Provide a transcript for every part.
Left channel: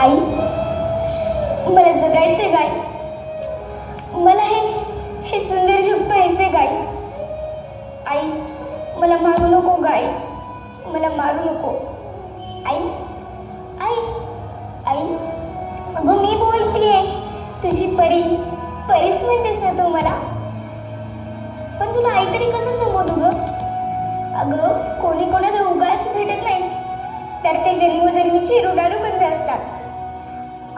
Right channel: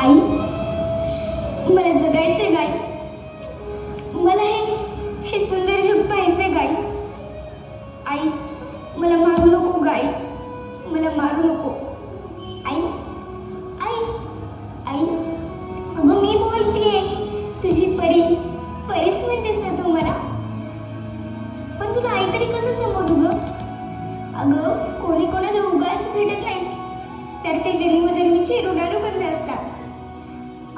आई, मला जगायचे गाय. मला हे सुंदर जग पाहायचे गाय. आई, मला मारू नको गाय, मला मारू नको. आई आई आई, अगं मी बोलतीये, तुझी परीच म्हणतेस ना तू मला. पण तुला आई तरी कसं समजू ग? अगं कोणी कोणाला उगाच भेटत नाही, तर ते जन्मोजन्मीचे ऋणानुबंध असतात.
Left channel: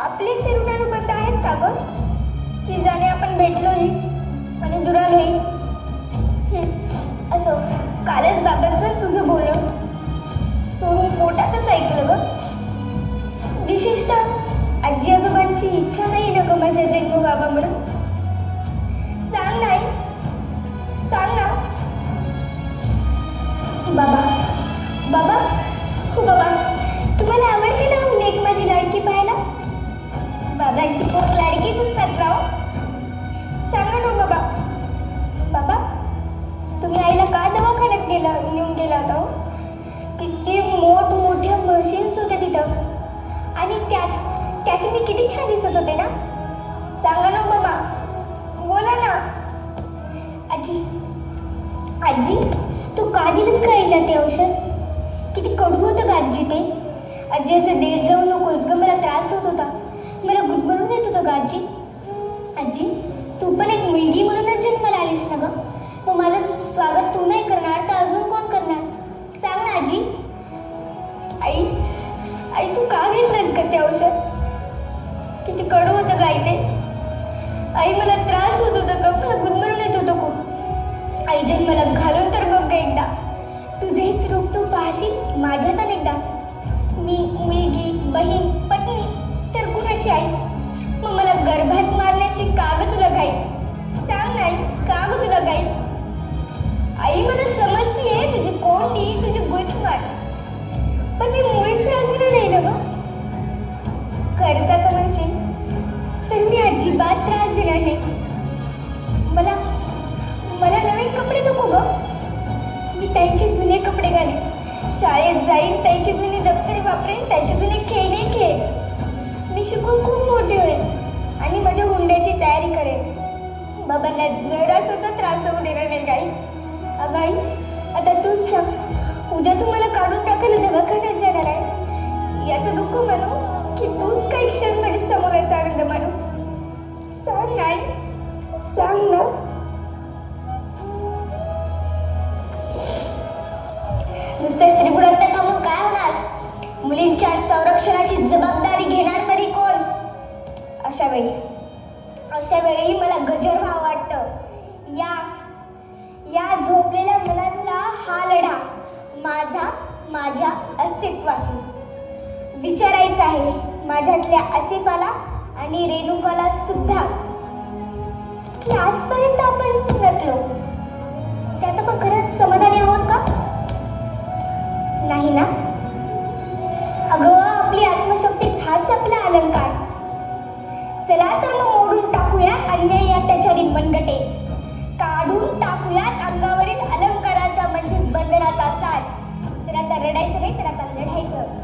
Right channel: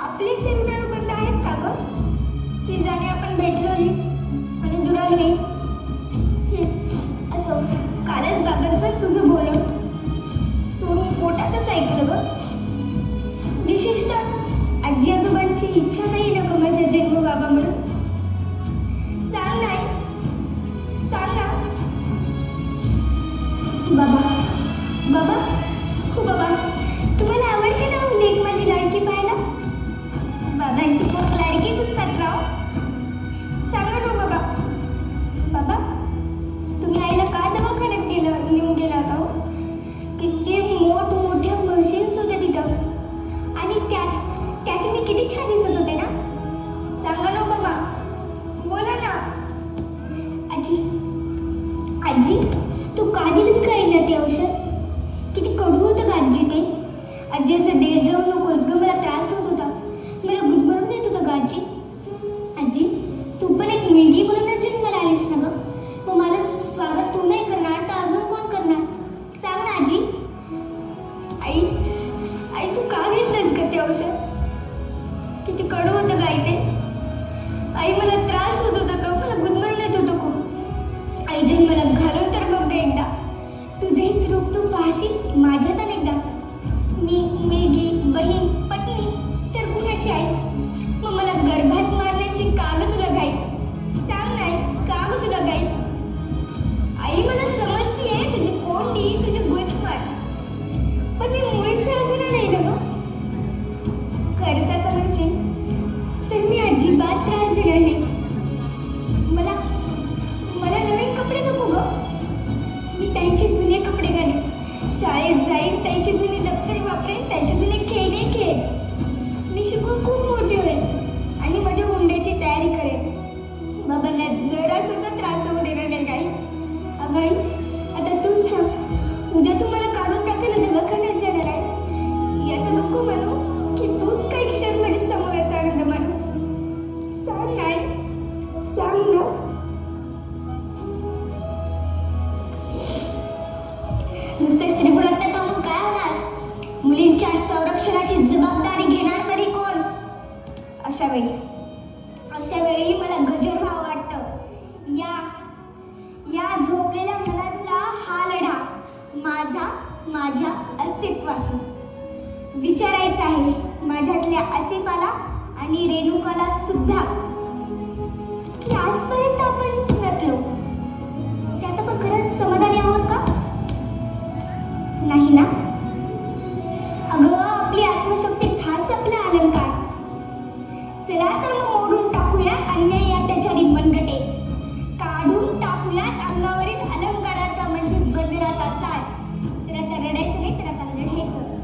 आपले से ऋणानुबंध आहेत का ग, की ज्याने आपण भेटलोही आणि दुरालोही? असं कालच बाबांचं तुझं बोलणं सोडून पोटातच ऐकलं ग. विशेषतः आजी आजोबांची इच्छा नाही ना ग माझा जन्म व्हावा म्हणून. सांग नाही, सांग ना. बाबा बाबा, हो बाबा, तुम्हाला आवडते ना हो लेक माझी लाडकी पाहायला? बाबांची खूप लाडकीच असतात राव. सांगा ना बाबा. बाबा, तुम्ही आईला का दवाखान्यात नेऊन गेला होता? किती मोठमोठ्या मशीन्स होत्या तिथं, आणि त्यात मी किती छान दिसत होते ना. सांगा ना बाबा, बोला ना. आजी आजी, तू का दिलीस का आईला ते औषध? किती कडू होतं का आजी ते? आजी, असं देत जाऊ नकोस ग, मला त्रास होत होता, मला गुदमरून देत होतं का आजी? आजी, तू पण एक मुलगी म्हणूनच जन्माला आलीस ना ग, मग माझं स्वागत तू नाही करणार तर अजून कोण करणार? सांग ना आजी. आई आई, तू का घेतलंस का ते औषध? किती कडू होतं गाई ते. आई, मला त्रास होत होता का, मला गुदमरून येत होतं खूप. आई, जन्माला घालून तर बघ एकदा, तुझे हे रूप तू पाहशील माझ्यात अनेकदा. मी मुलगी, बहीण, पत्नी तर कुणाची आई? मग मला गर्भात मारण्याची का ग तुला घाई? सांग नाही, का ग तुला घाई? आई, मला समजतीये तुझी कोंडी, तुझी गुचमार, पण मी मुळीच त्रास दिला नाही ना ग. खरंच म्हणशील तर मी अजिबात त्रास दिला नाही. मला नवीन कपडे नको ग, मी त्यांचे जुने कपडे घालेन, शाळेत जाईन, त्यांची जुनी दप्तरे वापरेन, त्यांचे जुने खेळणे खेळ. मी शिकून खूप मोठे होईल आणि माझ्या हुंड्याची तयारी करेन. बाबांना जरा सुद्धा त्रास होऊ देणार नाही काही. अगं आई, आता तूच सांग, उद्या तू मला काढून टाकायला दवाखान्यात जाणार आहे, याचं दुःख म्हणू की तूच काही क्षण माझ्या समोराचा आनंद मानू? सांग नाही, सांग ना. नुसते स्त्रीपुरातल्या थांबून काय होणार? मुलींच्या संरक्षणाची जबाबदारी घेणार तरी कोण? अशा वेळी मला गजर व्हावं वाटतं. या झोपलेल्या मनातला हा लढा माझ्या अस्तित्वाशी विचारायचा आहे. माझ्यातल्या आसिफाला आणि रेणुकाला सुद्धा, की आजपर्यंत आपण नटलो त्यात आपण खरंच समाधानी आहोत का? नाही ना. अगं, आपली आत्मशक्तीच हाच आपला अलंकार. चला तर मग मोडून टाकूयात अन्याय त्याच्यावरील मनगटे, काढून टाकूयात अंगावरील अलंकाराचा म्हणजेच बंधनाचा साज. तर आता रडायचं नाही, तर आता लढायचं.